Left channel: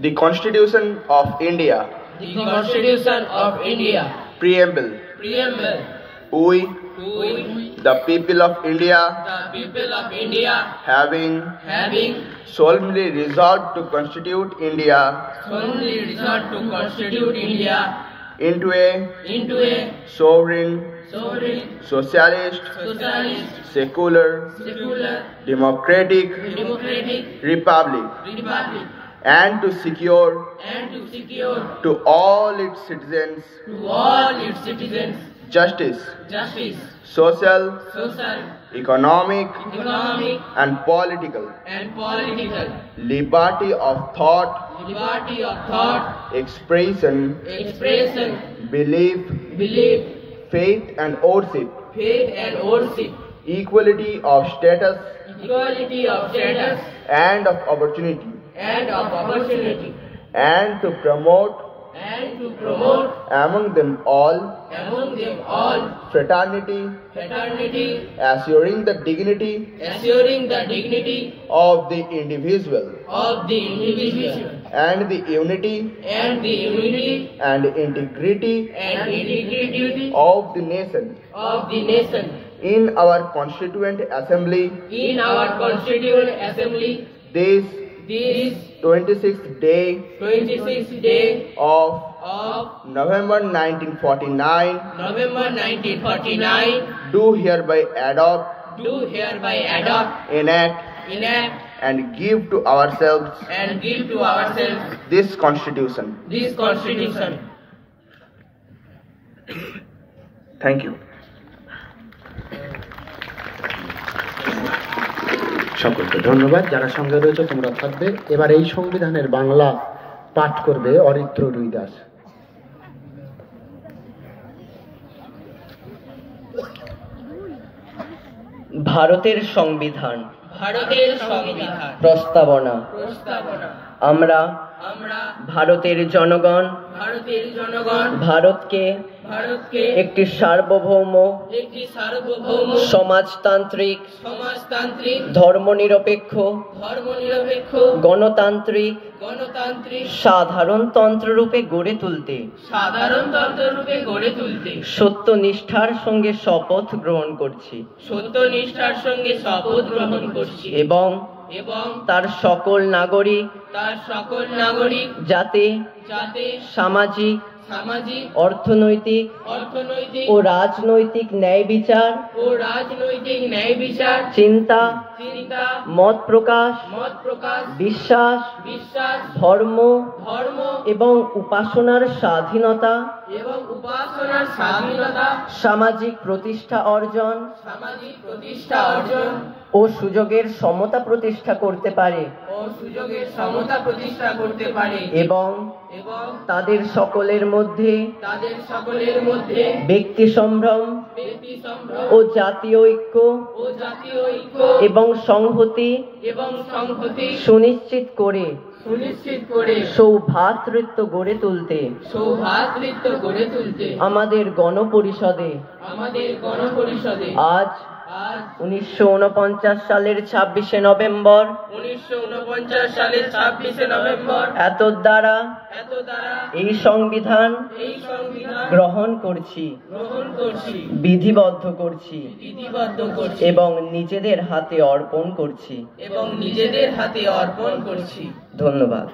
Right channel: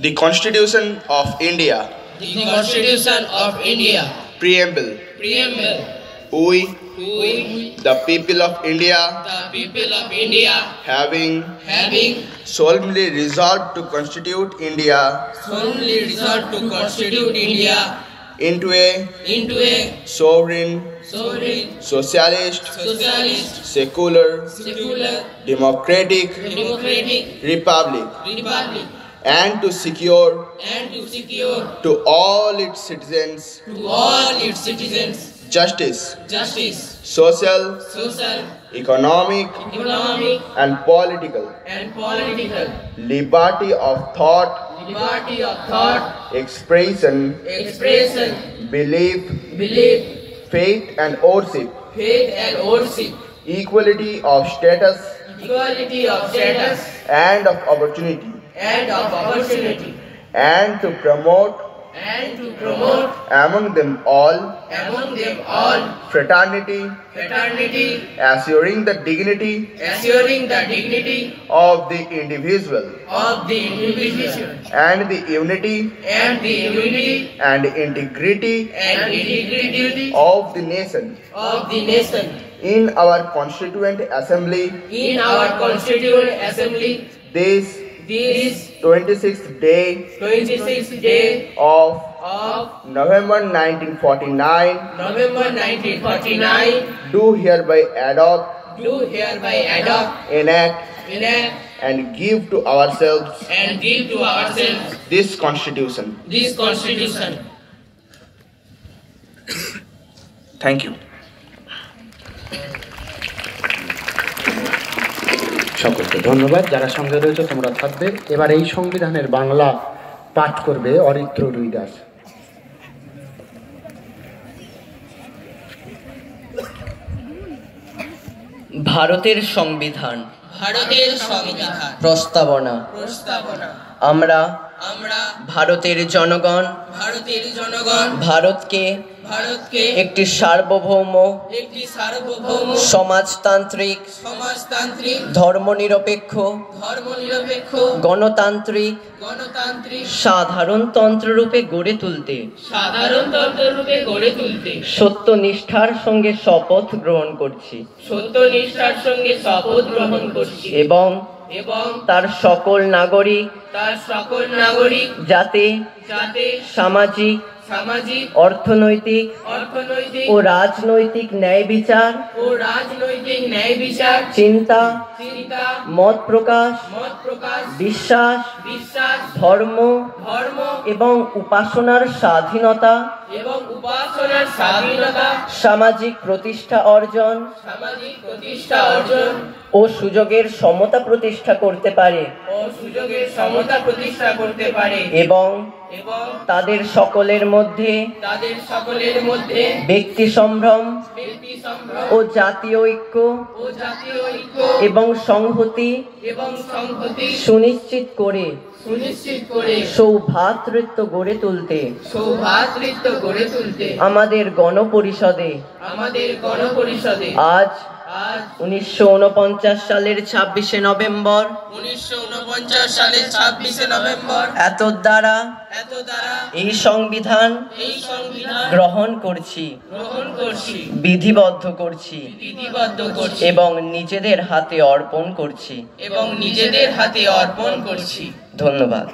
The Constitution of India. The Constitution of India. Preamble. Preamble. We, We, the people of India, the people of India, having solemnly resolved to constitute India solemnly resolved to constitute India into a sovereign, socialist, secular, democratic republic, and to secure to all its citizens justice, social, economic, and political liberty of thought, expression, belief, faith and worship, equality of status and of opportunity, and to promote among them all fraternity, assuring the dignity of the individual and the unity and integrity of the nation. In our Constituent Assembly, this 26th day of November 1949, do hereby adopt, enact, and give to ourselves this Constitution. Thank you. সকলকে ধন্যবাদ। যারা সঙ্গে রয়েছে তোমরা থাকবে। এবার এই সংবিধানের বাংলা পাঠ করবে অরিত্র রুই দাস। ভারতের সংবিধান প্রস্তাবনা। আমরা ভারতের জনগণ ভারতকে একটি সার্বভৌম সমাজতান্ত্রিক ধর্মনিরপেক্ষ গণতান্ত্রিক সাধারণতন্ত্ররূপে গড়ে তুলতে সত্যনিষ্ঠার সঙ্গে শপথ গ্রহণ করছি এবং তার সকল নাগরিক যাতে সামাজিক অর্থনৈতিক ও রাজনৈতিক ন্যায় বিচার চিন্তা মত প্রকাশ বিশ্বাস ধর্ম এবং উপাসনার স্বাধীনতা সামাজিক প্রতিষ্ঠা অর্জন ও সুযোগের সমতা প্রতিষ্ঠা করতে পারে এবং তাদের সকলের মধ্যে ব্যক্তি সম্ভ্রম ও জাতীয় ঐক্য এবং সংহতি সুনিশ্চিত করে সৌভ্রাতৃত্ব গড়ে তুলতে আমাদের গণপরিষদে আজ 1949 সালের 26শে নভেম্বর এত দ্বারা এই সংবিধান গ্রহণ করছি বিধিবদ্ধ করছি এবং নিজেদের হাতে অর্পণ করছি ধন্যবাদ।